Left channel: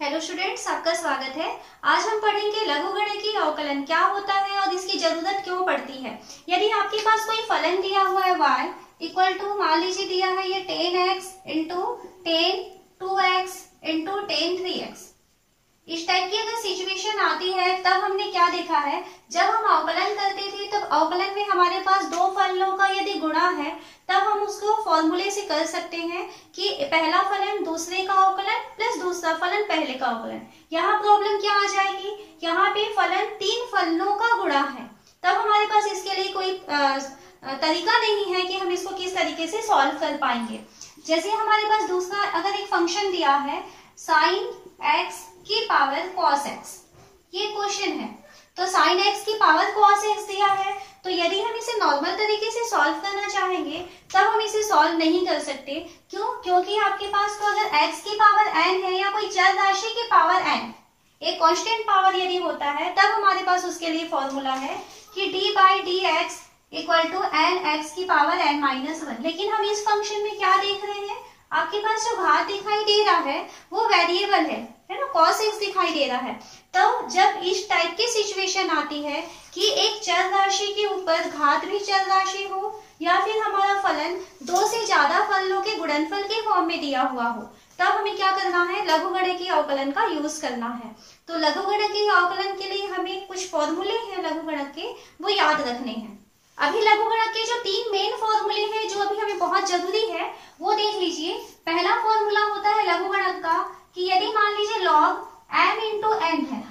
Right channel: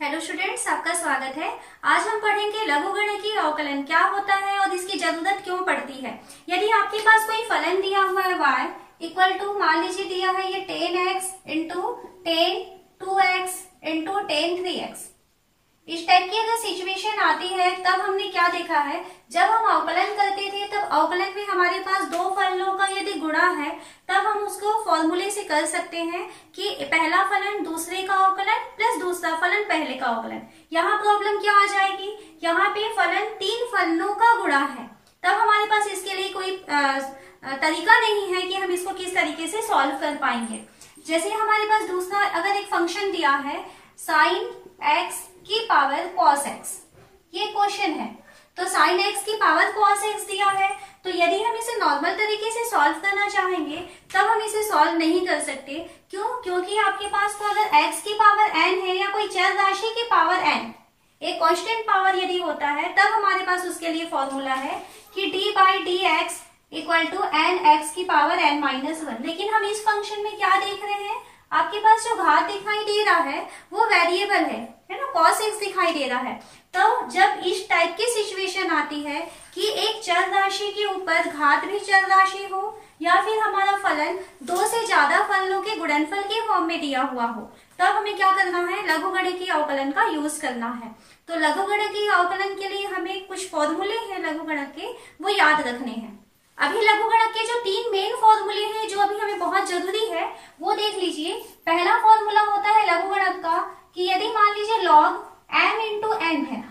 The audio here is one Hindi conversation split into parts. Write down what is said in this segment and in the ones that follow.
हेलो स्टूडेंट्स, आपका स्वागत है। आज हम पढ़ेंगे लघुगणकीय अवकलन क्या होता है और इसकी जरूरत क्यों पड़ती है। यदि आपके पास कोई फलन दिया हुआ है y इक्वल टू, मान लीजिए दिया है ये 10x into 10 2x into 10 3x, इस टाइप की अगर सिचुएशन आती है तब हमने क्या देखा है, जब हम अवकलन करते थे तब अवकलन में हमारे पास दो फलनों का यदि गुणा है तब हम उसको फॉर्मूले से कर सकते हैं कि पहला फलन दूसरे का अवकलन प्लस दूसरा फलन पहले का अवकलन। यहाँ प्रॉब्लम क्या आ जाएगी, यहाँ पे फलन तीन फलनों का गुणा है, तब हमारे पास इसके लिए कोई तरीका नहीं है कि हम इसको किस तरीके से सॉल्व कर पाएंगे। जैसे हमारे पास दूसरा अगर एक फंक्शन दिया है साइन एक्स की पावर कॉस एक्स, ये क्वेश्चन है, तो साइन एक्स की पावर कॉस एक्स दिया है, तो यदि हम इसे नॉर्मल तरीके से सॉल्व करना चाहेंगे तब हम इसे सॉल्व नहीं कर सकते। क्यों? क्योंकि आपके पास तो अगर x की पावर n है या कोई चर राशि की पावर n, एक कांस्टेंट पावर यदि होता है तब हमारे पास उसके लिए फॉर्मूला है कि d by d x equal to n x की पावर n माइनस 1। लेकिन हम इस फंक्शन में क्या देख रहे हैं, आपके पास जो घात दिखाई दे रहा है वो वेरिएबल है ना, cos x दिखाई दे रहा है। तो जब इस टाइप की सिचुएशन आती है कि एक चर राशि के ऊपर घात भी चर राशि हो या फिर हमारा फलन दो से ज्यादा फलनों के गुणनफल के फॉर्म में दिया हुआ हो, तब हमें क्या करना है, लघुगणकीय अवकलन का यूज करना है। तो लघुगणकीय अवकलन के लिए हमें कुछ फॉर्मूले हैं लघुगणक के, वो याद रखने हैं। अभी लघुगणक के जो तीन मेन फॉर्मूले हैं जो अभी हमें बहुत जरूरी है वो देख लीजिए। पहला फॉर्मूला होता है लघुगणक का कि यदि मान लीजिए log m इंटू n है,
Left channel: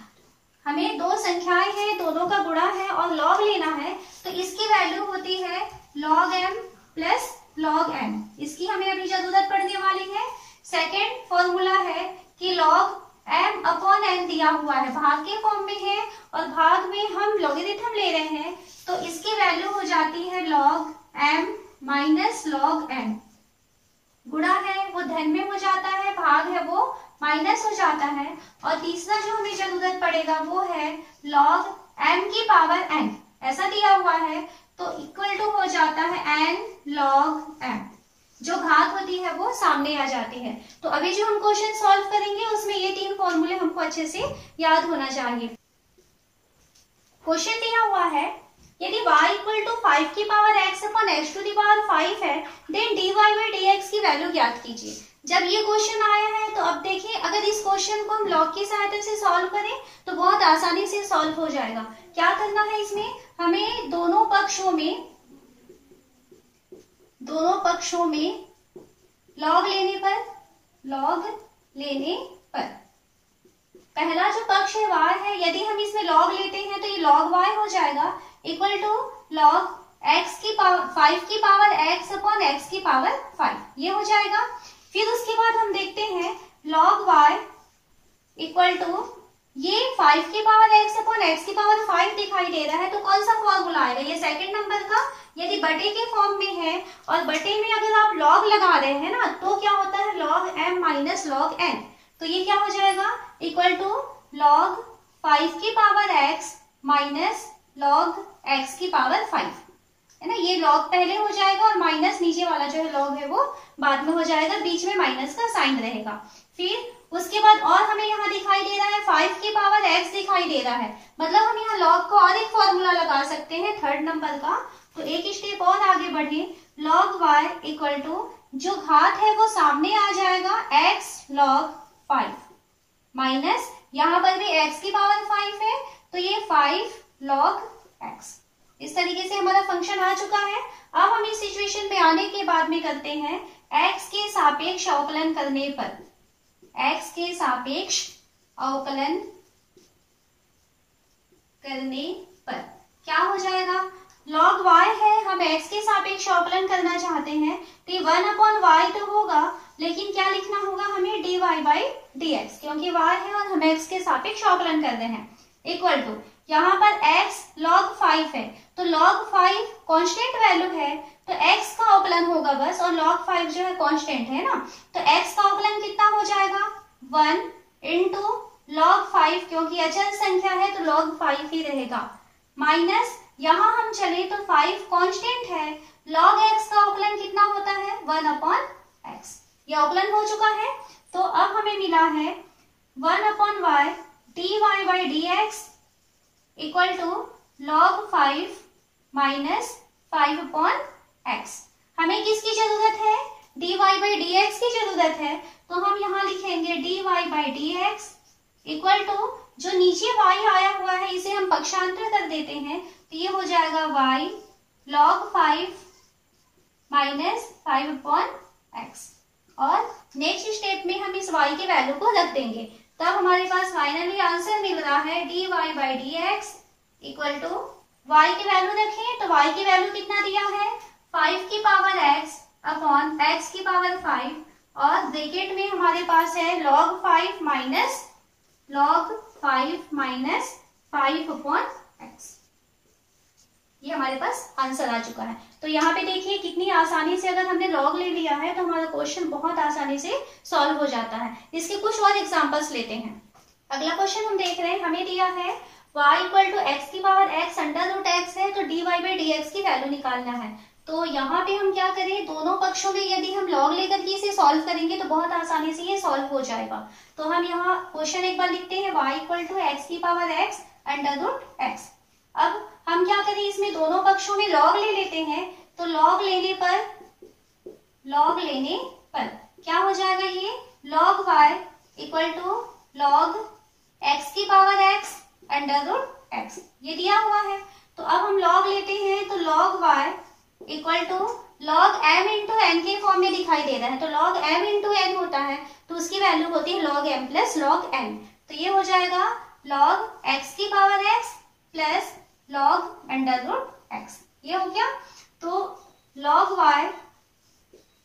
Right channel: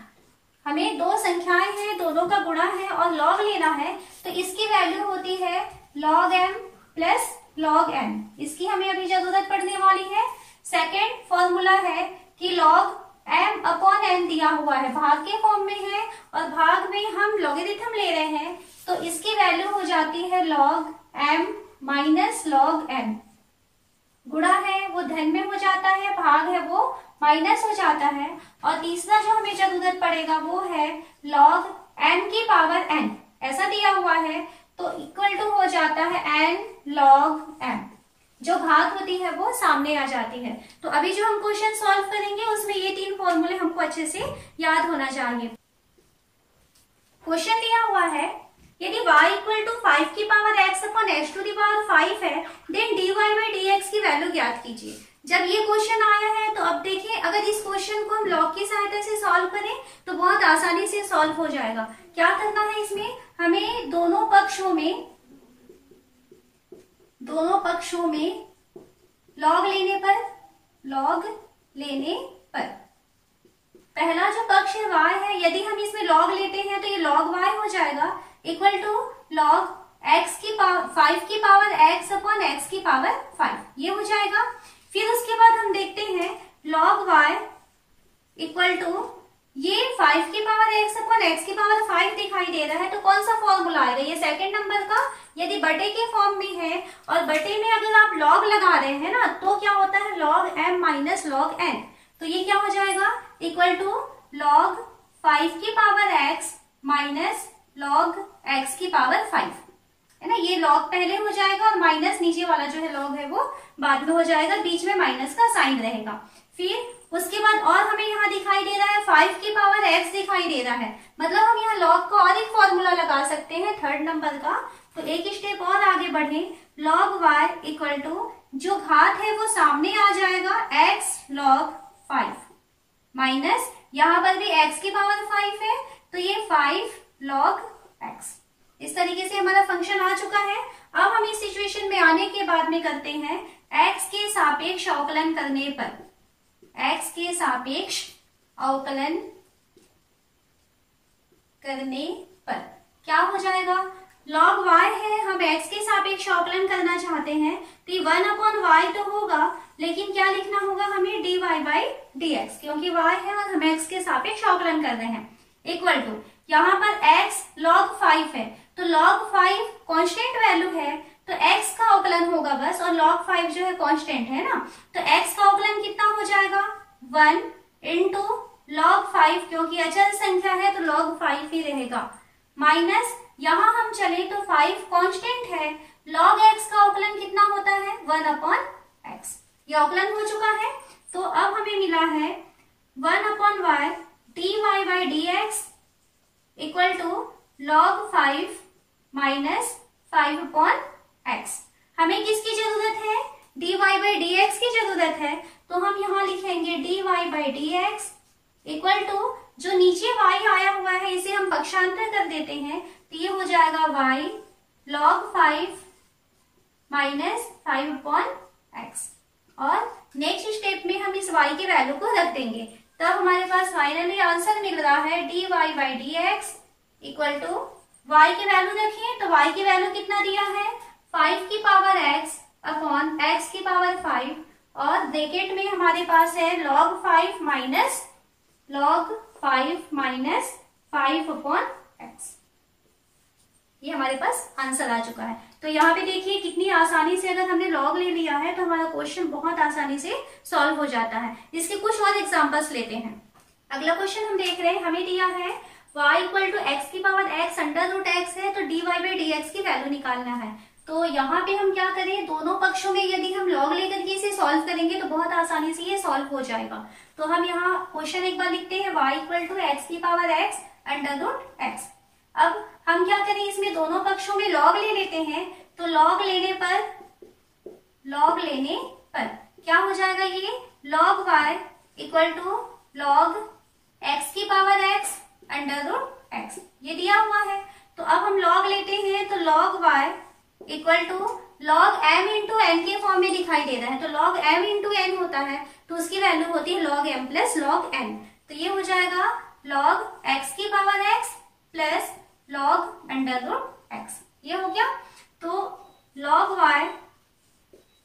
हमें दो संख्याएं हैं, दोनों का गुणा है और log लेना है, तो इसकी वैल्यू होती है log m plus log n, इसकी हमें अभी जरूरत पड़ने वाली है। सेकेंड फॉर्मूला है कि log m अपॉन n दिया हुआ है, भाग के फॉर्म में है और भाग में हम लॉगरिथम ले रहे हैं, तो इसकी वैल्यू हो जाती है log m minus log n। गुणा है वो धन में हो जाता है, भाग है वो माइनस हो जाता है। और तीसरा जो हमें जरूरत पड़ेगा वो है log m की पावर n, ऐसा दिया हुआ है, तो इक्वल टू हो जाता है n log m, जो घात होती है वो सामने आ जाती है। तो अभी जो हम क्वेश्चन सॉल्व करेंगे उसमें ये तीन फॉर्मूले हमको अच्छे से याद होना चाहिए। क्वेश्चन दिया हुआ है यदि y इक्वल टू 5 की power x upon x to the power 5 है, देन dy बाई dx की वैल्यू ज्ञात कीजिए। जब ये क्वेश्चन आया है तो अब देखिए, अगर इस क्वेश्चन को हम लॉग की सहायता से सॉल्व करें तो बहुत आसानी से सॉल्व हो जाएगा। क्या करना है इसमें, हमें दोनों पक्षों में लॉग लेने पर पहला जो पक्ष है y है, यदि हम इसमें लॉग लेते हैं तो ये log y हो जाएगा इक्वल टू log x की पावर 5 की पावर x अपॉन x की पावर 5, ये हो जाएगा। फिर उसके बाद हम देखते हैं log y इक्वल टू ये 5 की पावर x अपॉन x की पावर 5 दिखाई दे रहा है, तो कौन सा फॉर्मूला आएगा, ये सेकंड नंबर का। यदि बटे के फॉर्म में है और बटे में अगर आप log लगा रहे हैं ना, तो क्या होता है log m minus log n, तो ये क्या हो जाएगा इक्वल टू log 5 की power x minus log x की पावर 5, है ना। ये log पहले हो जाएगा और माइनस नीचे वाला जो है log है वो बाद में हो जाएगा, बीच में माइनस का साइन रहेगा। फिर उसके बाद और हमें यहाँ दिखाई दे रहा है 5 की पावर x दिखाई दे रहा है, मतलब हम यहाँ log का और एक फॉर्मूला लगा सकते हैं थर्ड नंबर का। तो एक स्टेप और आगे बढ़े, log y इक्वल टू जो घात है वो सामने आ जाएगा x log 5 माइनस यहाँ पर भी x की पावर 5 है, तो ये 5 log x। इस तरीके से हमारा फंक्शन आ चुका है। अब हम इस सिचुएशन में आने के बाद में करते हैं x के सापेक्ष अवकलन करने पर, x के सापेक्ष अवकलन करने पर क्या हो जाएगा, log y है, हम x के सापेक्ष अवकलन करना चाहते हैं, तो 1 अपॉन y तो होगा, लेकिन क्या लिखना होगा हमें dy बाई dx, क्योंकि y है और हम x के सापेक्ष अवकलन कर रहे हैं, इक्वल टू यहाँ पर x log 5 है, तो log 5 कांस्टेंट वैल्यू है, तो x का अवकलन होगा बस, और log 5 जो है कांस्टेंट है ना, तो x का अवकलन कितना हो जाएगा 1 इंटू log 5, क्योंकि अचल संख्या है तो log 5 ही रहेगा, माइनस यहाँ हम चले तो 5 कांस्टेंट है, log x का अवकलन कितना होता है 1 अपॉन x, ये अवकलन हो चुका है। तो अब हमें मिला है 1/y dy by d x equal to log 5 minus 5/x। हमें किसकी जरूरत है? dy बाई डी एक्स की जरूरत है, तो हम यहाँ लिखेंगे dy by d x equal to, जो नीचे y आया हुआ है इसे हम पक्षांतर कर देते हैं, तो ये हो जाएगा y log 5 माइनस 5/x। और नेक्स्ट स्टेप में हम इस y की वैल्यू को रख देंगे, तब हमारे पास फाइनली आंसर मिल रहा है dy by d x equal to, y की वैल्यू रखें तो y की वैल्यू कितना दिया है? 5 की पावर x अपॉन x की पावर 5, और ब्रैकेट में हमारे पास है log 5 माइनस 5/x। ये हमारे पास आंसर आ चुका है। तो यहाँ पे देखिए कितनी आसानी से अगर हमने log ले लिया है तो हमारा क्वेश्चन बहुत आसानी से सॉल्व हो जाता है। इसके कुछ और एग्जांपल्स लेते हैं। अगला क्वेश्चन हम देख रहे हैं, हमें दिया है y इक्वल टू एक्स की power x under root x है, तो dy बाई डी एक्स की वैल्यू निकालना है। तो यहाँ पे हम क्या करें, दोनों पक्षों में यदि हम log लेकर के इसे सॉल्व करेंगे तो बहुत आसानी से ये सॉल्व हो जाएगा। तो हम यहाँ क्वेश्चन एक बार लिखते हैं, y इक्वल टू एक्स की power x under root x. अब हम क्या करें, इसमें दोनों पक्षों में log ले लेते हैं, तो log लेने पर क्या हो जाएगा, ये log y equal to log x की power x under root x, ये दिया हुआ है। तो अब हम log लेते हैं, तो log y equal to log m into n के फॉर्म में दिखाई दे रहा है, तो log m इंटू एन होता है, तो उसकी वैल्यू होती है log m plus log n। तो ये हो जाएगा log x की power x plus log under root x, ये हो गया। तो log y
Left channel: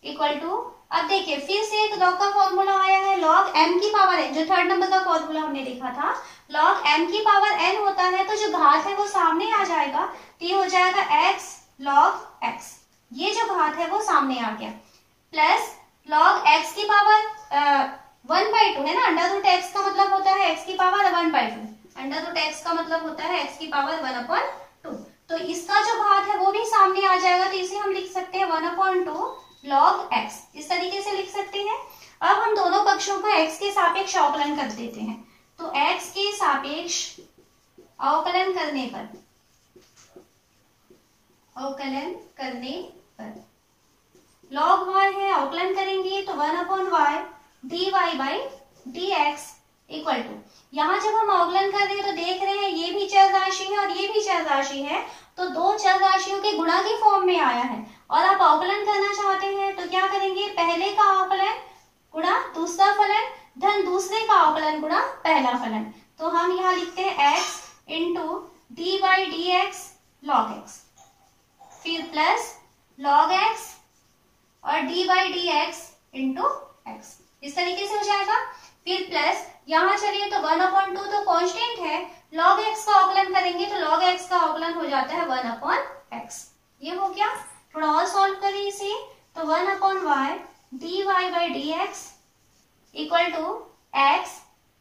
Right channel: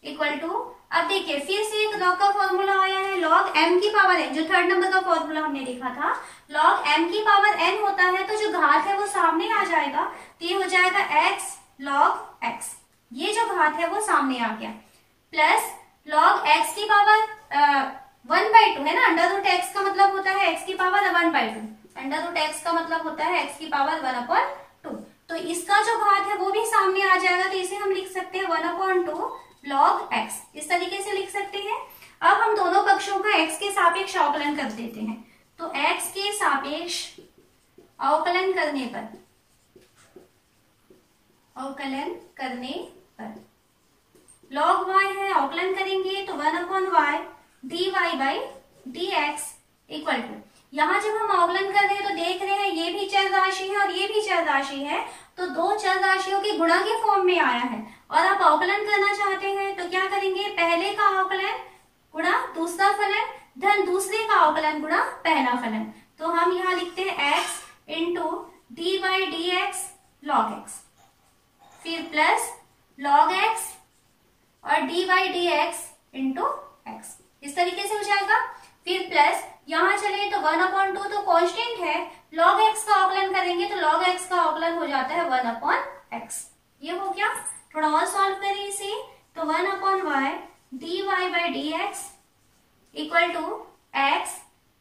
इक्वल टू, अब देखिए फिर से एक log का फॉर्मूला आया है, log m की पावर n, जो थर्ड नंबर का फॉर्मूला हमने देखा था, log m की पावर n होता है, तो जो घात है वो सामने आ जाएगा, तो ये हो जाएगा x log x, ये जो घात है वो सामने आ गया, प्लस log x की पावर 1/2 है ना, अंडर रूट x का मतलब होता है x की पावर 1/2, अंडर रूट x का मतलब होता है x की पावर 1/2, तो इसका जो घात है वो भी सामने आ जाएगा, तो इसे हम लिख सकते हैं 1/2 log x, इस तरीके से लिख सकते हैं। अब हम दोनों पक्षों का x के सापेक्ष अवकलन कर देते हैं, तो x के सापेक्ष अवकलन करने पर log y है, अवकलन करेंगे तो 1/y dy by d x equal to, यहाँ जब हम अवकलन कर रहे हैं तो देख रहे हैं ये भी चर राशि है और ये भी चर राशि है, तो दो चर राशियों के गुणा के फॉर्म में आया है, और आप अवकलन करना चाहते हैं तो क्या करेंगे, पहले का अवकलन गुणा दूसरा फलन धन दूसरे का अवकलन गुणा पहला फलन। तो हम यहाँ लिखते हैं x into D by d x log x, फिर प्लस log x और d by d x into x, इस तरीके से हो जाएगा। फिर प्लस यहाँ चलिए तो 1/2 तो कांस्टेंट है, log x का अवकलन करेंगे तो log x का अवकलन हो जाता है 1/x, ये हो गया। थोड़ा और सॉल्व करें इसे, तो 1/y dy by d x equal to x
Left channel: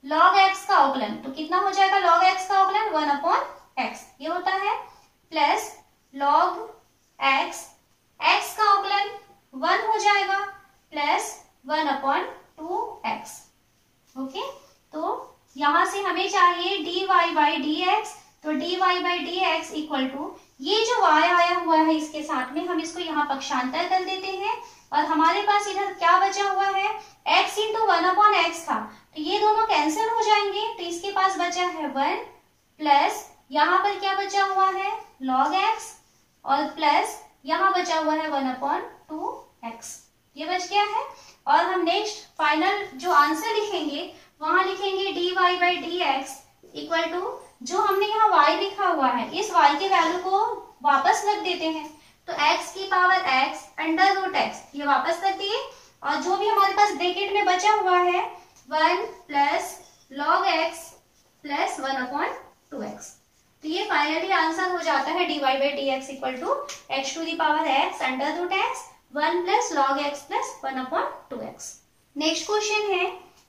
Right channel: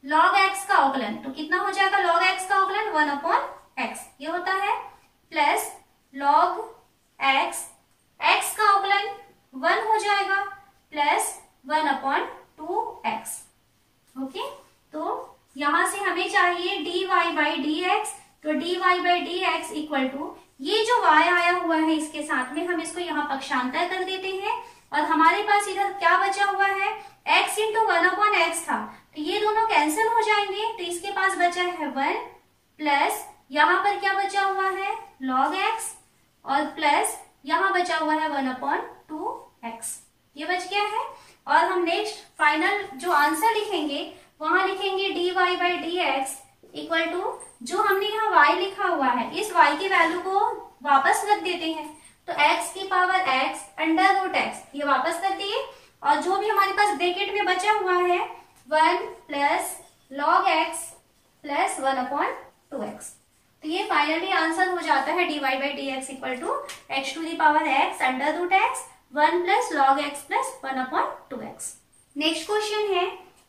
log x का अवकलन, तो कितना हो जाएगा log x का अवकलन 1/x, ये होता है, प्लस log x, x का अवकलन 1 हो जाएगा, प्लस 1/2x। ओके, तो यहां से हमें चाहिए dy बाई डी एक्स, तो dy by d x equal to, ये जो y आया हुआ है इसके साथ में हम इसको यहाँ पक्षांतर कर देते हैं, और हमारे पास इधर क्या बचा हुआ है, x इंटू 1/x था, तो ये दोनों कैंसिल हो जाएंगे, तो इसके पास बचा है 1, प्लस यहाँ पर क्या बचा हुआ है log x, और प्लस यहाँ बचा हुआ है 1/2x, ये बच गया है। और हम नेक्स्ट फाइनल जो आंसर लिखेंगे वहां लिखेंगे dy by d x equal to, जो हमने यहाँ y लिखा हुआ है इस y के वैल्यू को वापस रख देते हैं, तो x की power x under root x, ये वापस रख दिए, और जो भी हमारे पास ब्रैकेट में बचा हुआ है 1 plus log x plus 1/2x, तो ये फाइनली आंसर हो जाता है dy by d x equal to x to the power x under root x 1 plus log x plus 1/2x। Next question है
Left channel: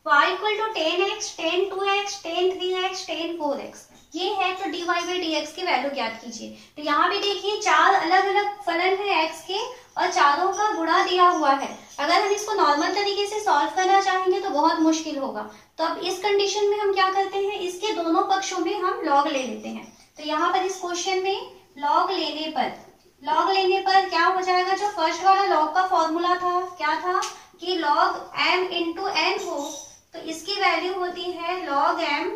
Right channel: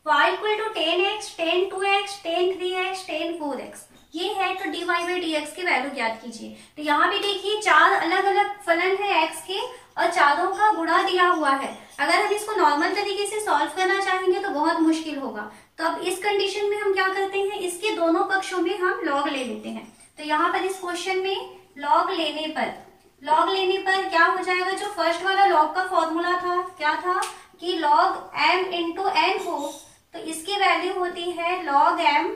y equal to 10x, 10 2x, 10 3x, 10 4x, ये है, तो dy बाई डी एक्स की वैल्यू ज्ञात कीजिए। तो यहाँ भी देखिए चार अलग अलग फलन है x के, और चारों का गुणा दिया हुआ है। अगर हम इसको नॉर्मल तरीके से सॉल्व करना चाहेंगे तो बहुत मुश्किल होगा, तो अब इस कंडीशन में हम क्या करते हैं, इसके दोनों पक्षों में हम लॉग ले लेते हैं। तो यहाँ पर इस क्वेश्चन में लॉग लेने पर क्या हो जाएगा, जो फर्स्ट वाला लॉग का फॉर्मूला था क्या था कि लॉग m इंटू n हो तो इसकी वैल्यू होती है log m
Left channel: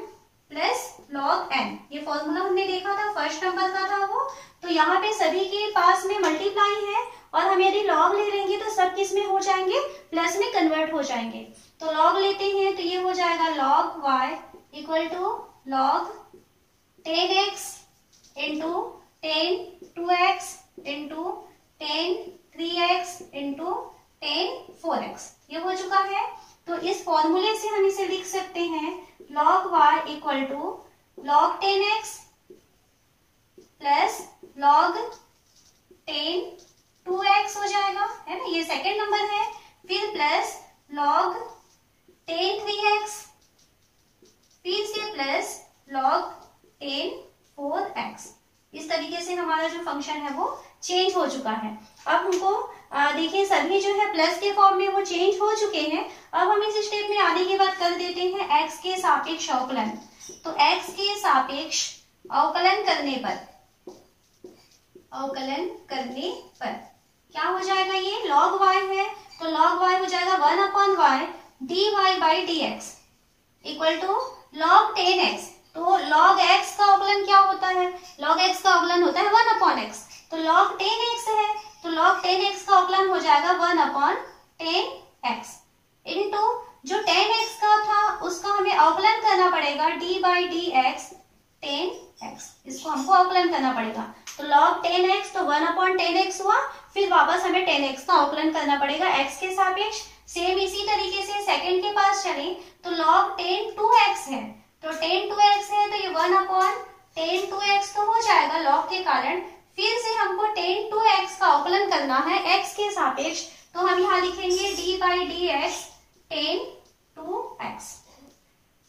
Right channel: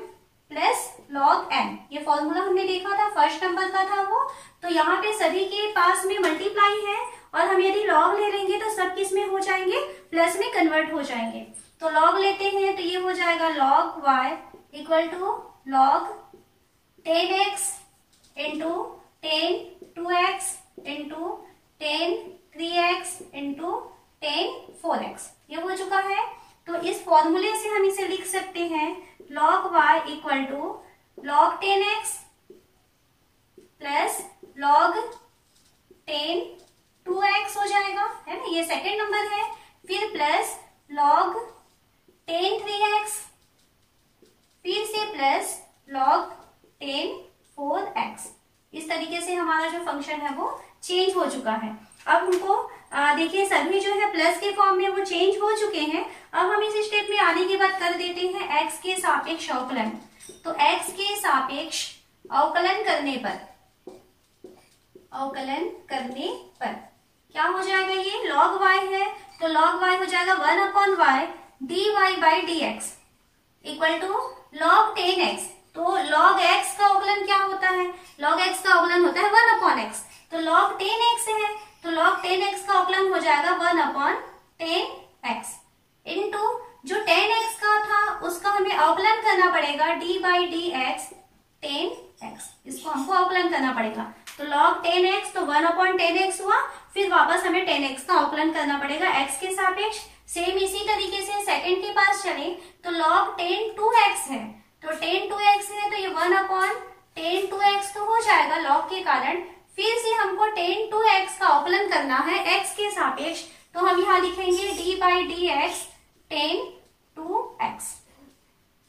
plus log n। ये फॉर्मूला हमने देखा था, फर्स्ट नंबर का था वो। तो यहाँ पे सभी के पास में मल्टीप्लाई है और हम यदि log ले लेंगे तो सब किस में हो जाएंगे, प्लस में कन्वर्ट हो जाएंगे। तो log लेते हैं तो ये हो जाएगा log y equal to log 10x into 10 2x into 10 3x into 10 4x। ये हो चुका है। तो इस फॉर्मूले से हम इसे लिख सकते हैं log y equal to log 10x plus log 10 2x हो जाएगा, है ना, ये सेकंड नंबर है। फिर प्लस log 10 3x, फिर से प्लस log 10 4x। इस तरीके से हमारा जो फंक्शन है वो चेंज हो चुका है। अब हमको देखिए सभी जो है प्लस के फॉर्म में वो चेंज हो चुके हैं। अब हम इस स्टेप में आने के बाद कर देते हैं x के सापेक्ष अवकलन। तो x के सापेक्ष अवकलन करने पर क्या हो जाएगा, ये log y है तो log y हो जाएगा 1/y dy by dx equal to log 10x। तो log x का अवकलन क्या होता है, log x का अवकलन होता है 1/x। तो log 10x है तो log 10x का अवकलन हो जाएगा 1/10x इनटू जो 10x का था उसका हमें अवकलन करना पड़ेगा d बाई dx 10x। इसको हमको अवकलन करना पड़ेगा। तो log 10x तो 1/10x हुआ, फिर वापस हमें 10x का अवकलन करना पड़ेगा x के सापेक्ष। सेम इसी तरीके से सेकंड के पास चले तो log 10 2x है तो 10 2x है तो ये 1/10 2x तो हो जाएगा log के कारण। फिर से हमको 10 2x का अवकलन करना है x के सापेक्ष, तो हम यहाँ लिखेंगे d by dx 10 2x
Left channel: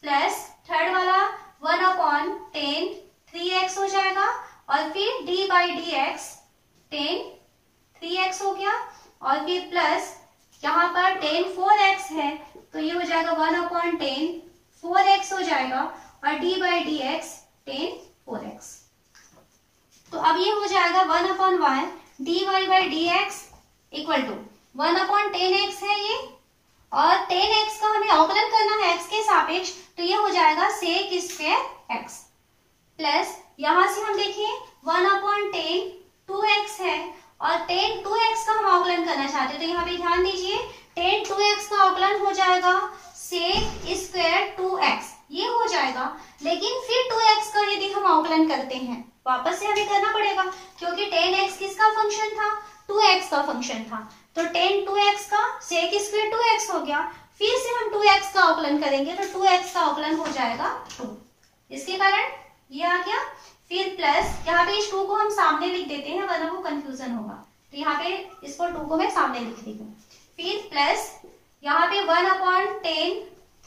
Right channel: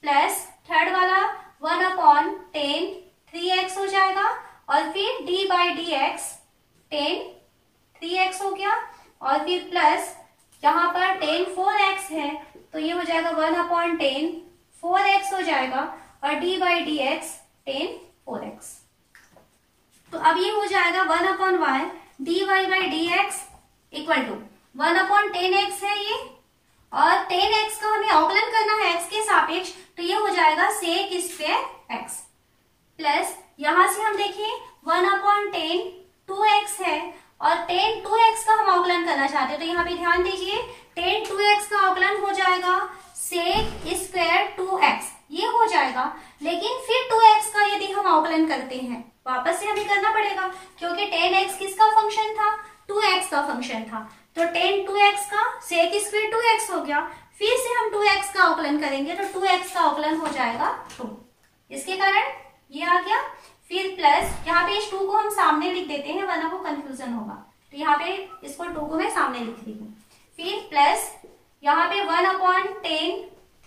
plus third वाला 1/10 3x हो जाएगा और फिर d बाई dx 10 3x हो गया और फिर प्लस यहाँ पर 10 4x है तो ये हो जाएगा 1/10 4x हो जाएगा और d बाई dx 10 4x। तो अब ये हो जाएगा 1/y dy by dx equal to 1/10x है ये, और 10x का हमें अवकलन करना है x के सापेक्ष तो ये हो जाएगा sec स्क्वायर x प्लस यहाँ से हम देखिए 1/10 2x है और 10 2x का हम अवकलन करना चाहते हैं। तो यहाँ पे ध्यान दीजिए 10 2x का अवकलन हो जाएगा sec स्क्वायर 2x, ये हो जाएगा। लेकिन फिर 2x का यदि हम अवकलन करते हैं वापस से हमें करना पड़ेगा क्योंकि 10x किसका फंक्शन था, 2x का फंक्शन था। तो 10 2x का sec स्क्वायर 2x हो गया, फिर से हम 2x का अवकलन करेंगे तो 2x का अवकलन हो जाएगा 2। इसके कारण ये आ गया। फिर प्लस यहाँ पे इस 2 को हम सामने लिख देते हैं वरना वो कंफ्यूजन होगा, तो यहाँ पे इसको 2 को मैं सामने लिख रही हूँ। फिर प्लस यहाँ पे 1/10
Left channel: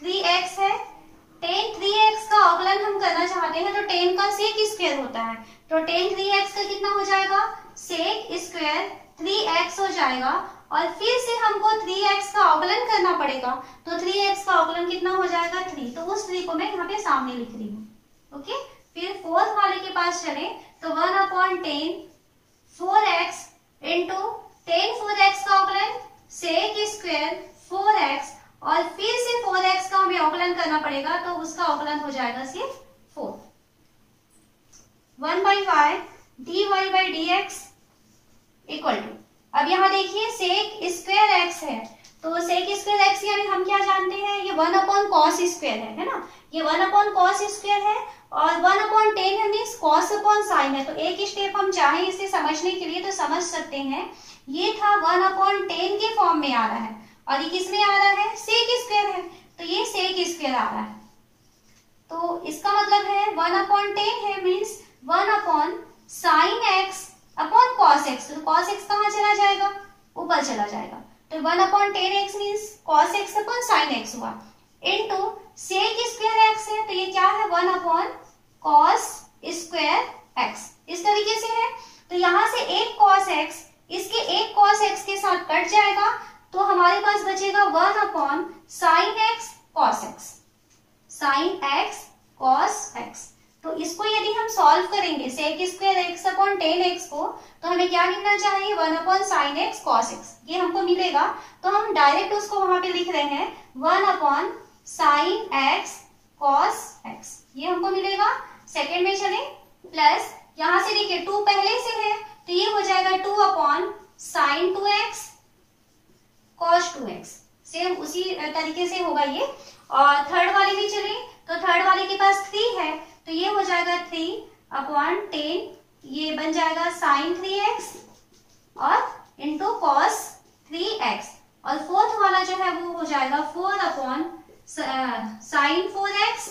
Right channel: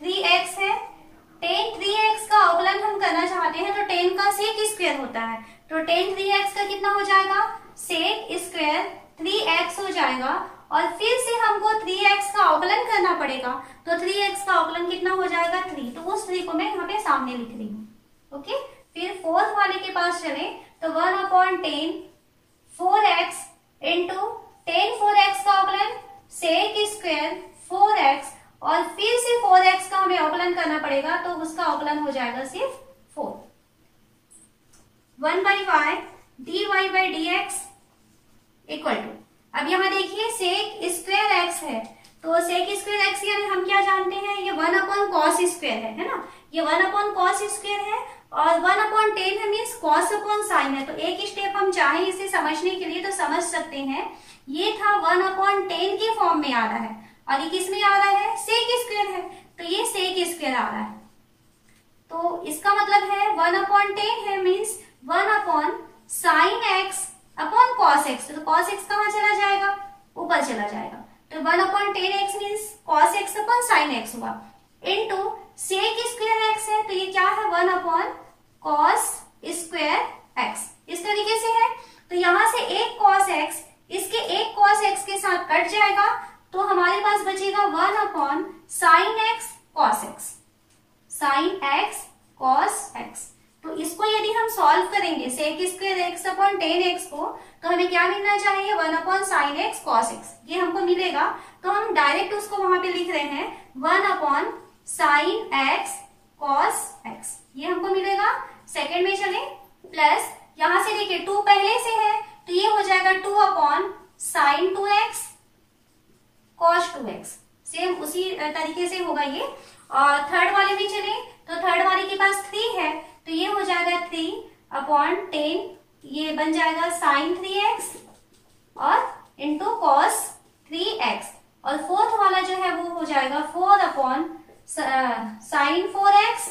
3x है, 10 3x का अवकलन हम करना चाहते हैं तो 10 का sec स्क्वायर होता है तो 10 3x का कितना हो जाएगा sec स्क्वायर 3x हो जाएगा और फिर से हमको 3x का अवकलन करना पड़ेगा तो 3x का अवकलन कितना हो जाएगा 3, तो उस 3 को मैं यहाँ पे सामने लिख रही हूँ। ओके, फिर फोर्थ वाले के पास चले तो 1/10 4x इंटू 10 4x का अवकलन sec स्क्वायर 4x और फिर से 4x का हमें अवकलन करना पड़ेगा तो उसका अवकलन हो जाएगा सिर्फ 4। 1/y dy by dx equal to, अब यहाँ देखिए sec स्क्वायर x है तो sec स्क्वायर x यानी हम क्या जानते हैं, ये 1/cos स्क्वायर है ना, ये 1/cos स्क्वायर है और 1/10 है मीन्स cos अपॉन साइन है। तो एक स्टेप हम चाहें इसे समझने के लिए तो समझ सकते हैं, ये था 1/10 के फॉर्म में आ रहा है और ये किस में आ रहा है, sec स्क्वायर है तो ये sec स्क्वायर आ रहा है। तो इसका मतलब है 1/10 है means 1/sin x upon cos x। तो cos x कहाँ चला जाएगा, ऊपर चला जाएगा तो 1/10x means cos x upon sin x हुआ इनटू sec स्क्वायर x है तो ये क्या है 1/cos स्क्वायर x। इस तरीके से है तो यहाँ से एक cos x इसके एक cos x के साथ कट जाएगा तो हमारे पास बचेगा 1/sin x cos x। Sine x cos x. तो इसको यदि हम सॉल्व करेंगे sec square x upon tan x को, तो हमें क्या मिलना चाहिए, 1 upon sine x cos x, ये हमको मिलेगा। तो हम डायरेक्ट उसको वहां पे लिख रहे हैं 1 upon sine x cos x, ये हमको मिलेगा। सेकेंड में चले, प्लस यहां से देखिए 2 पहले से है तो ये हो जाएगा 2 upon sine 2x cos 2x, same उसी तरीके से होगा ये। और थर्ड वाले में चले तो थर्ड वाले के पास 3 है तो ये हो जाएगा 3 अपॉन 10, ये बन जाएगा साइन 3x और इंटू कॉस 3x। और फोर्थ वाला जो है वो हो जाएगा 4 upon sign 4x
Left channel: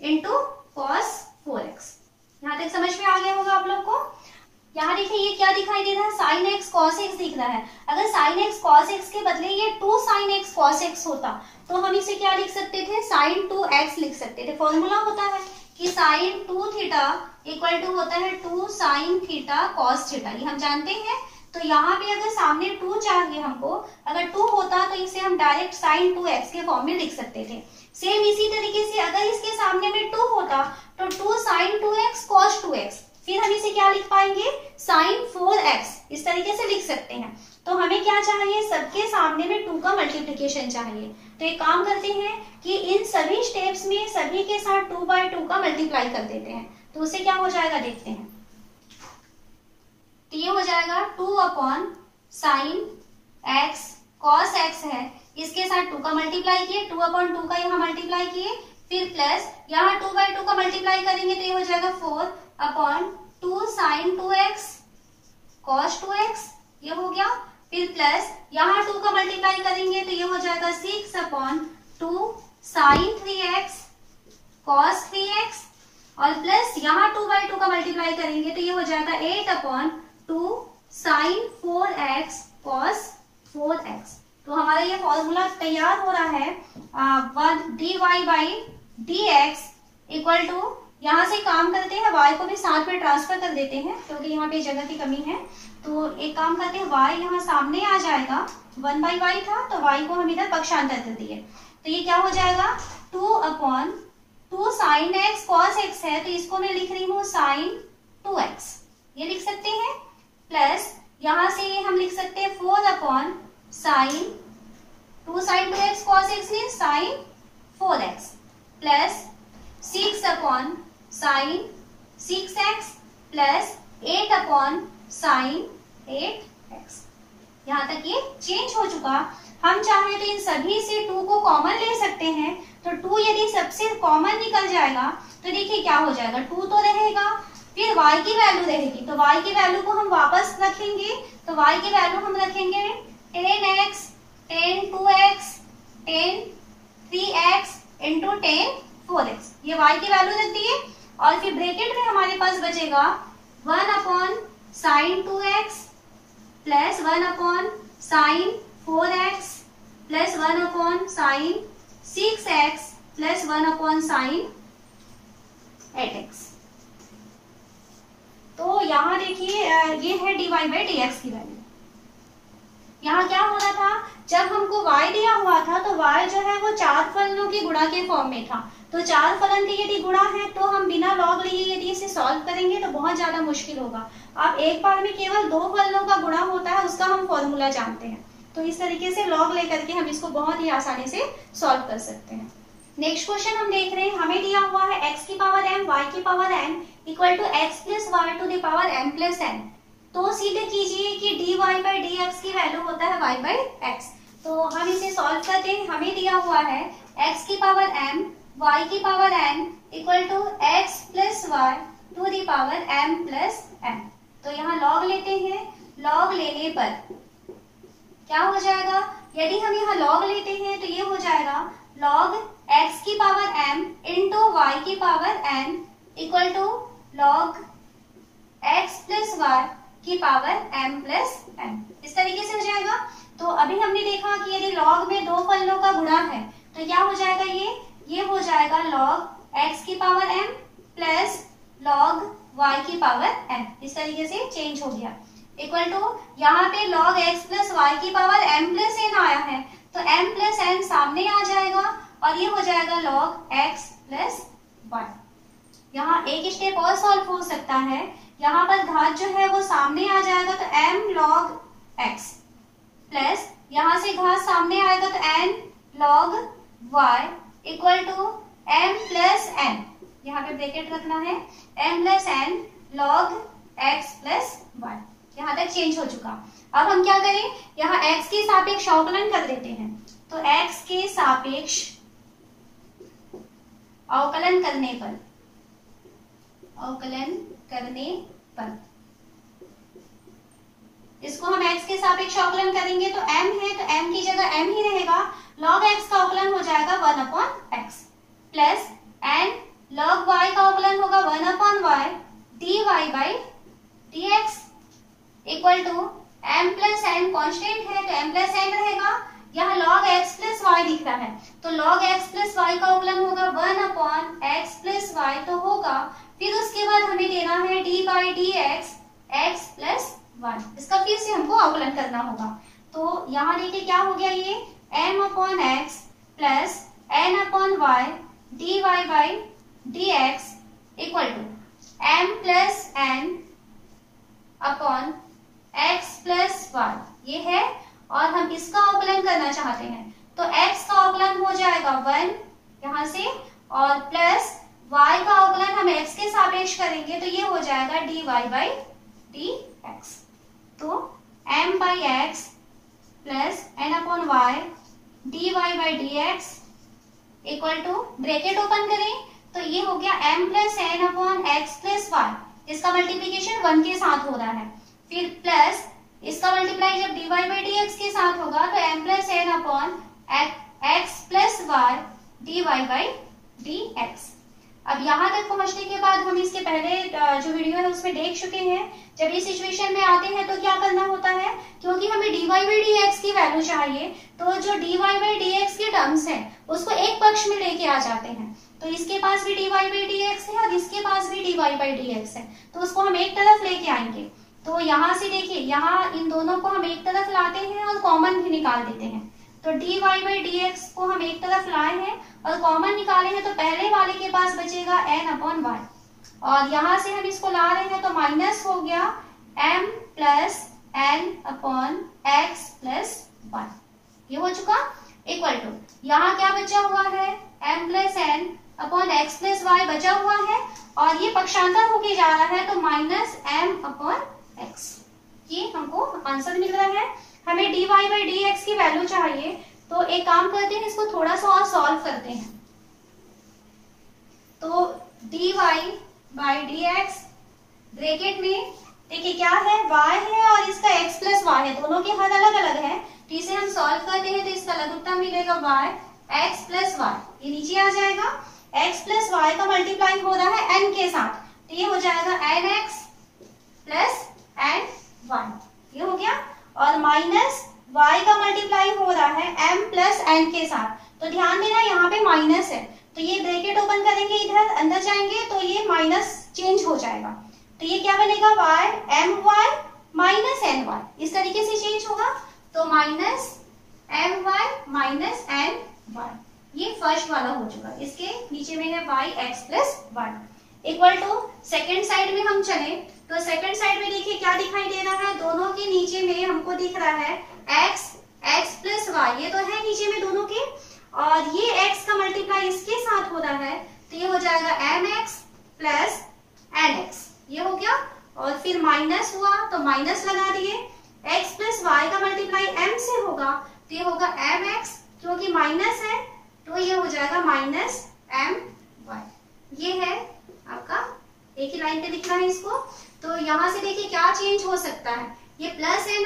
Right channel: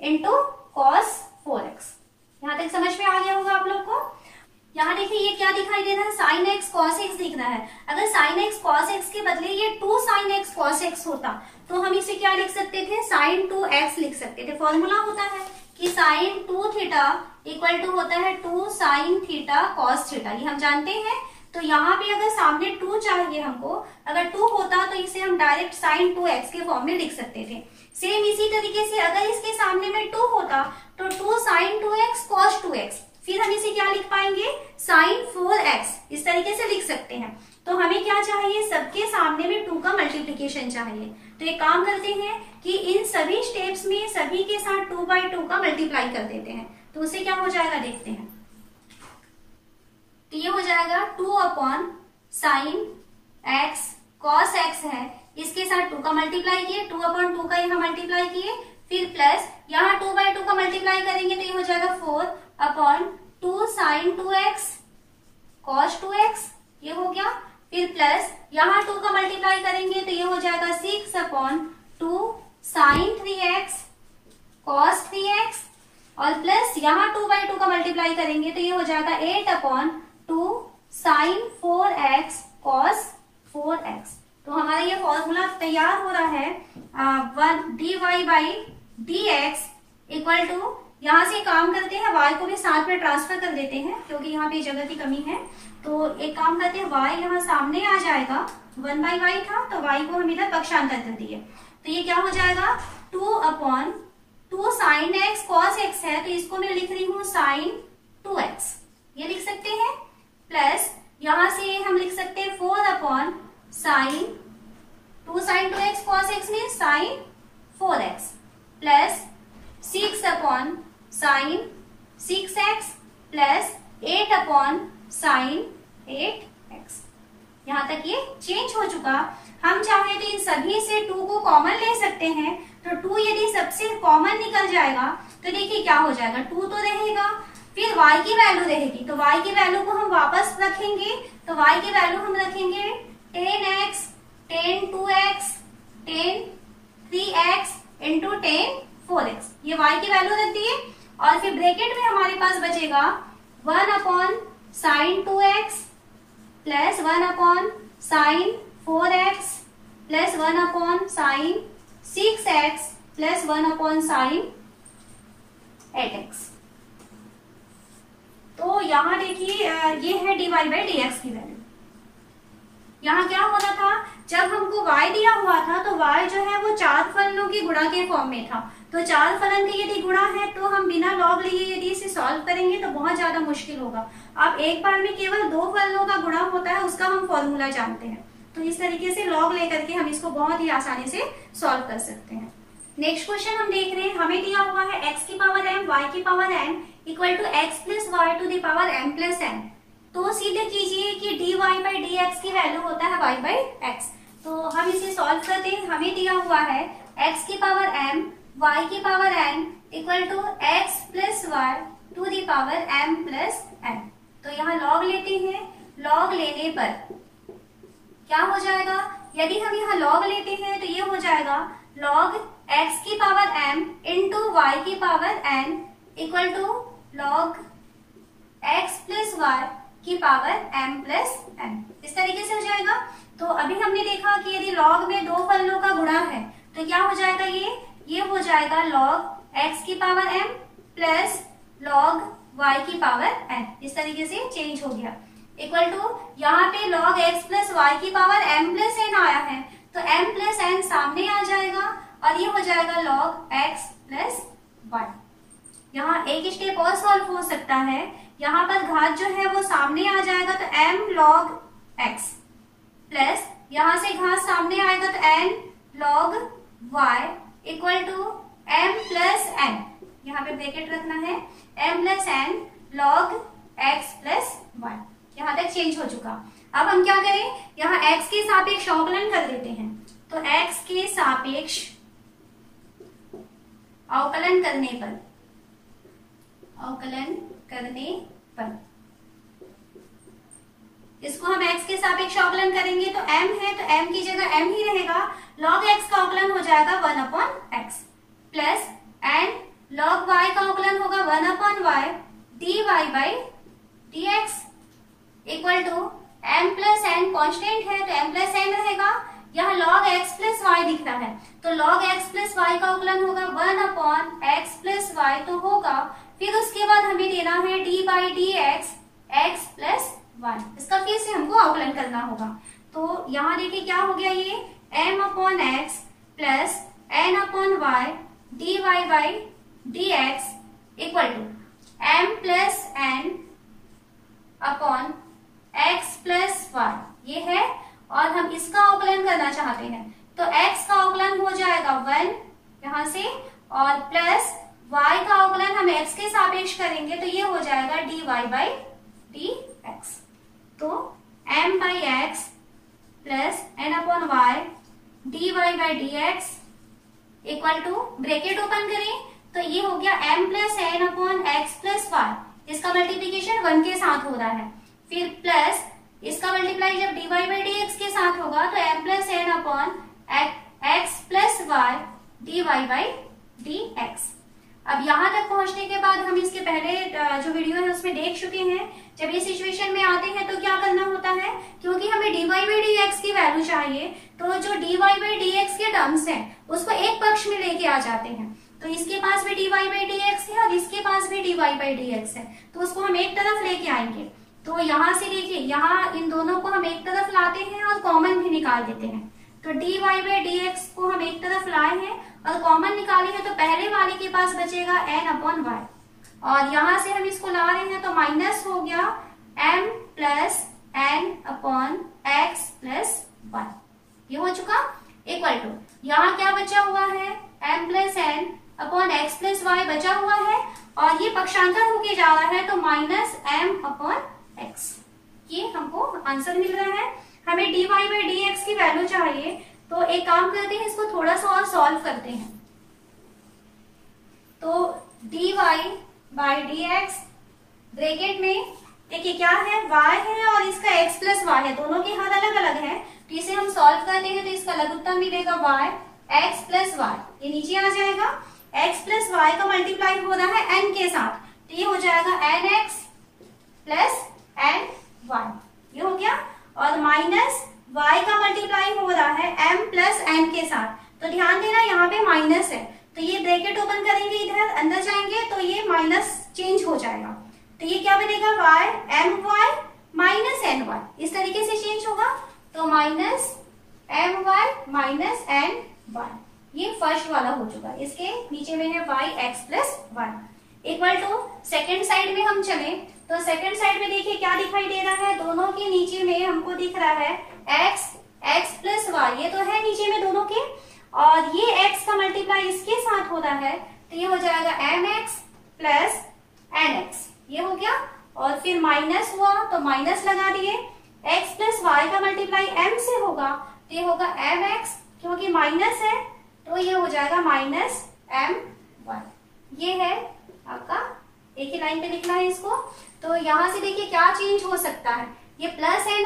into cos 4x। यहां तक समझ में आ गया होगा आप लोग को। यहाँ देखिए ये क्या दिखाई दे रहा है, साइन एक्स कॉस एक्स दिख रहा है। अगर साइन एक्स कॉस एक्स के बदले ये 2 साइन एक्स कॉस एक्स होता तो हम इसे क्या लिख सकते थे, साइन 2x लिख सकते थे। फॉर्मूला होता है कि साइन 2 थीटा इक्वल टू होता है 2 साइन थीटा कॉस थीटा, ये हम जानते हैं। तो यहाँ पे अगर सामने 2 चाहिए हमको, अगर 2 होता तो इसे हम डायरेक्ट साइन 2x के फॉर्म में लिख सकते थे। सेम इसी तरीके से अगर इसके सामने में 2 होता तो 2 साइन 2x कॉस 2x, फिर हम इसे क्या लिख पाएंगे, साइन 4x, इस तरीके से लिख सकते हैं। तो हमें क्या चाहिए, सबके सामने में 2 का मल्टीप्लीकेशन चाहिए। तो एक काम करते हैं कि इन सभी स्टेप्स में सभी के साथ 2/2 का मल्टीप्लाई कर देते हैं, तो उससे क्या हो जाएगा देखते हैं। तो ये हो जाएगा 2 upon sine x cos x है, इसके साथ 2 का मल्टीप्लाई किए, 2 अपॉन 2 का यहाँ मल्टीप्लाई किए, फिर प्लस यहाँ 2/2 का मल्टीप्लाई करेंगे तो ये हो जाएगा 4 upon 2 sine 2x cos 2x, ये हो गया। फिर प्लस यहाँ 2 का मल्टीप्लाई करेंगे तो ये हो जाएगा 6 upon 2 sign 3x cos 3x, और प्लस यहाँ 2/2 का मल्टीप्लाई करेंगे तो ये हो जाएगा 8 upon 2 sign 4x cos 4x। तो हमारा ये फॉर्मूला तैयार हो रहा है 1 dy/dx इक्वल टू, यहाँ से काम करते हैं y को भी साथ में ट्रांसफर कर देते हैं क्योंकि यहाँ पे जगह की कमी है। तो एक काम करते हैं, y यहाँ सामने आ जाएगा, 1/y था तो y को हम इधर पक्षांतर कर दिए, तो ये क्या हो जाएगा 2 upon 2 sign x cos x है तो इसको मैं लिख रही हूँ साइन 2x, ये लिख सकते हैं। प्लस यहाँ से हम लिख सकते हैं 4 upon sine 2 sine 2x cos X ने sine 4x, plus 6 upon sine 6x plus 8 upon sine 8x। यहाँ तक ये चेंज हो चुका। हम चाहे तो इन सभी से 2 को कॉमन ले सकते हैं, तो 2 यदि सबसे कॉमन निकल जाएगा तो देखिए क्या हो जाएगा, 2 तो रहेगा, फिर y की वैल्यू रहेगी, तो y की वैल्यू को हम वापस रखेंगे, तो y की वैल्यू हम रखेंगे 10x 10 2x 10 3x into 10 4x, ये y की वैल्यू रख दिए। और फिर ब्रैकेट में हमारे पास बचेगा 1 upon sign 2x plus 1 upon sign 4x plus 1 upon sine 6x plus 1 upon sine 8x। तो यहाँ देखिए ये है dy/dx की वैल्यू। यहाँ क्या हो रहा था, जब हमको y दिया हुआ था तो y जो है वो 4 फलनों की गुणा के फॉर्म में था, तो 4 फलन की यदि गुणा है तो हम बिना लॉग लिए यदि इसे सॉल्व करेंगे तो बहुत ज्यादा मुश्किल होगा। अब एक बार में केवल 2 फलनों का गुणा होता है, उसका हम फॉर्मूला जानते हैं, तो इस तरीके से लॉग लेकर के हम इसको बहुत ही आसानी से सॉल्व कर सकते हैं। नेक्स्ट क्वेश्चन हम देख रहे हैं, हमें दिया हुआ है x की पावर m y की power n equal to x plus y to the power m plus n। तो सीधे कीजिए कि dy/dx की वैल्यू होता है y/x। तो हम इसे सॉल्व करते हैं, हमें दिया हुआ है x की पावर m y की power n equal to x plus y to the power m plus n। तो यहाँ लॉग लेते हैं, लॉग लेने पर क्या हो जाएगा, यदि हम यहाँ लॉग लेते हैं तो ये हो जाएगा लॉग x की पावर m इंटू y की power n equal to log x plus y की पावर m प्लस n, इस तरीके से हो जाएगा। तो अभी हमने देखा कि यदि लॉग में 2 फलनों का गुणा है तो क्या हो जाएगा, ये हो जाएगा लॉग x की power m plus log y की पावर n, इस तरीके से चेंज हो गया। इक्वल टू यहाँ पे log x प्लस वाई की पावर m प्लस n आया है तो m प्लस n सामने आ जाएगा और ये हो जाएगा log x प्लस 1। यहाँ एक स्टेप और सॉल्व हो सकता है, यहाँ पर घात जो है वो सामने आ जाएगा तो m log x प्लस यहाँ से घात सामने आएगा तो n log y equal to m plus n, यहाँ पे ब्रैकेट रखना है, m plus n log x plus 1। यहाँ तक चेंज हो चुका। अब हम क्या करें, यहाँ x के सापेक्ष अवकलन कर देते हैं। तो x के सापेक्ष अवकलन करने पर इसको हम x के सापेक्ष अवकलन करेंगे तो m है तो m की जगह m ही रहेगा, log x का अवकलन हो जाएगा 1/x plus n log y का अवकलन होगा 1/y dy by dx equal to m plus n constant है तो m प्लस n रहेगा। यहाँ log x प्लस y दिख रहा है तो log x प्लस y का अवकलन होगा 1/x प्लस y तो होगा, फिर उसके बाद हमें देना है d by dx x plus 1। इसका फिर से हमको अवकलन करना होगा। तो यहाँ देखिए क्या हो गया, ये m/x plus n/y dy by dx equal to m plus n upon x plus y ये है, और हम इसका अवकलन करना चाहते हैं तो x का अवकलन हो जाएगा 1 यहाँ से, और प्लस y का अवकलन हम x के सापेक्ष करेंगे तो ये हो जाएगा dy बाई dx। तो m by x plus n upon y dy by dx equal to bracket open करें तो ये हो गया m plus n upon x plus y, इसका मल्टीप्लीकेशन 1 के साथ हो रहा है, फिर प्लस इसका मल्टीप्लाई जब dy बाई dx के साथ होगा तो m plus n upon x plus y dy by dx। अब यहाँ तक पहुंचने के बाद हम इसके पहले जो वीडियो है उसमें देख चुके हैं, जब ये सिचुएशन में आते हैं तो क्या करना होता है, क्योंकि हमें dy बाई dx की वैल्यू चाहिए तो जो dy बाई dx के टर्म्स हैं उसको एक पक्ष में लेके आ जाते हैं। तो इसके पास भी dy बाई dx है और इसके पास भी dy बाई dx है, तो उसको हम एक तरफ लेके आएंगे। तो यहाँ से देखिए, यहाँ इन दोनों को हम एक तरफ लाते हैं और कॉमन भी निकाल देते हैं। तो dy बाई dx को हम एक तरफ लाए हैं और कॉमन निकाले हैं तो पहले वाले के पास बचेगा n अपॉन y, और यहाँ से हम इसको ला रहे हैं तो माइनस हो गया m plus n upon x plus 1, ये हो चुका इक्वल टू यहाँ क्या बचा हुआ है, m plus n upon x plus y बचा हुआ है, और ये पक्षांतर होके जा रहा है तो माइनस m अपॉन x। ये हमको आंसर मिल रहा है। हमें dy बाई dx की वैल्यू चाहिए तो एक काम करते हैं, इसको थोड़ा सा और सॉल्व करते हैं। तो dy बाई dx ब्रैकेट में देखिए क्या है, y है और इसका x प्लस y है, दोनों के हाथ अलग अलग है, तो इसे हम सॉल्व करते हैं तो इसका लघुत्तम मिलेगा y x प्लस y, ये नीचे आ जाएगा। x प्लस y का मल्टीप्लाई हो रहा है n के साथ तो ये हो जाएगा nx प्लस n1, ये हो गया, और माइनस y का मल्टीप्लाई हो रहा है m प्लस n के साथ। तो ध्यान देना यहाँ पे माइनस है तो ये ब्रैकेट ओपन करेंगे, इधर अंदर जाएंगे तो ये माइनस चेंज हो जाएगा, तो ये क्या बनेगा y my माइनस ny, इस तरीके से चेंज होगा। तो माइनस my माइनस ny, ये फर्स्ट वाला हो चुका। इसके नीचे में है y x plus 1 equal to second side में हम चले तो सेकेंड साइड में देखिए क्या दिखाई दे रहा है, दोनों के नीचे में हमको दिख रहा है x प्लस y, ये तो है नीचे में दोनों के, और ये x का मल्टीप्लाई इसके साथ हो रहा है तो ये हो जाएगा mx प्लस nx, ये हो गया, और फिर माइनस हुआ तो माइनस लगा दिए, x प्लस y का मल्टीप्लाई m से होगा तो ये होगा mx, क्योंकि माइनस है तो ये हो जाएगा माइनस my, ये है आपका, एक ही लाइन पे लिखना है इसको। तो यहाँ से देखिए क्या चेंज हो सकता है, ये प्लस ny है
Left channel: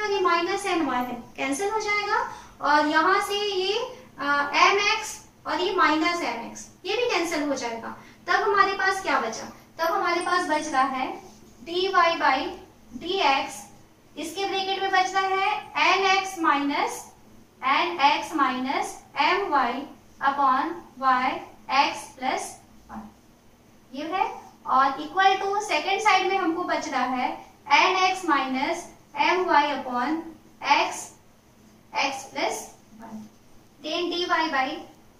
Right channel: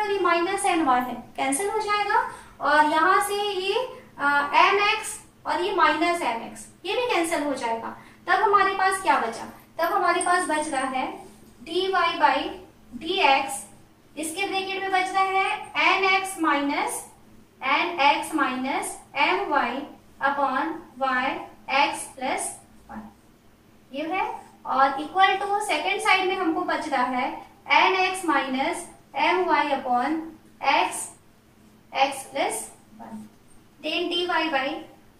और ये माइनस ny है, कैंसिल हो जाएगा, और यहाँ से ये mx और ये माइनस mx ये भी कैंसिल हो जाएगा। तब हमारे पास क्या बचा, तब हमारे पास बच रहा है dy बाई dx, इसके ब्रैकेट में बच रहा है nx minus my upon y x plus 1, ये है, और इक्वल टू सेकेंड साइड में हमको बच रहा है nx minus my upon x plus 1, then dy by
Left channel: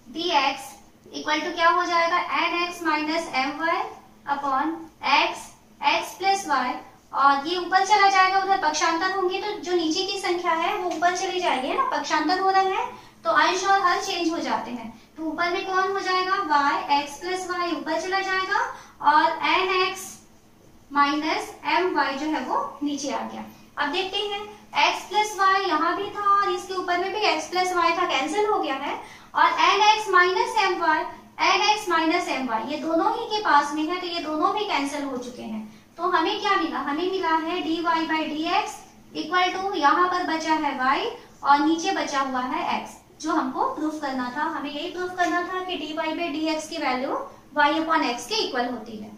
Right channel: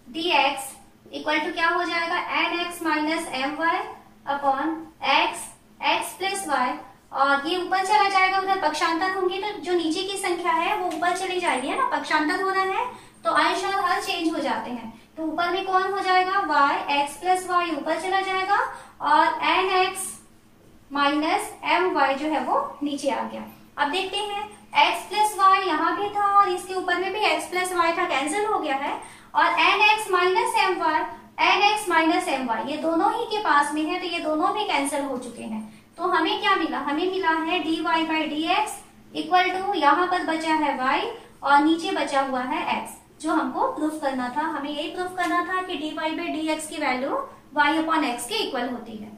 d x equal to क्या हो जाएगा, n x minus m y upon x x plus y, और ये ऊपर चला जाएगा, उधर पक्षांतर होंगे तो जो नीचे की संख्या है वो ऊपर चली जाएगी, है ना, पक्षांतर हो रहा है तो अंश और हर चेंज हो जाते हैं। तो ऊपर में कौन हो जाएगा, y x प्लस वाई ऊपर चला जाएगा और n x minus m y जो है वो नीचे आ गया। अब देखते हैं x प्लस वाई यहाँ भी था और इसके ऊपर में भी x प्लस वाई था, कैंसिल हो गया है, और n x minus m y, n x minus m y ये दोनों ही के पास में है तो ये दोनों भी कैंसिल हो चुके हैं। तो हमें क्या मिला, हमें मिला है d y by d x equal to यहाँ पर बचा है y और नीचे बचा हुआ है x, जो हमको प्रूफ करना था। हमें यही प्रूफ करना था कि dy बाई डी एक्स की वैल्यू y अपॉन एक्स के इक्वल होती है।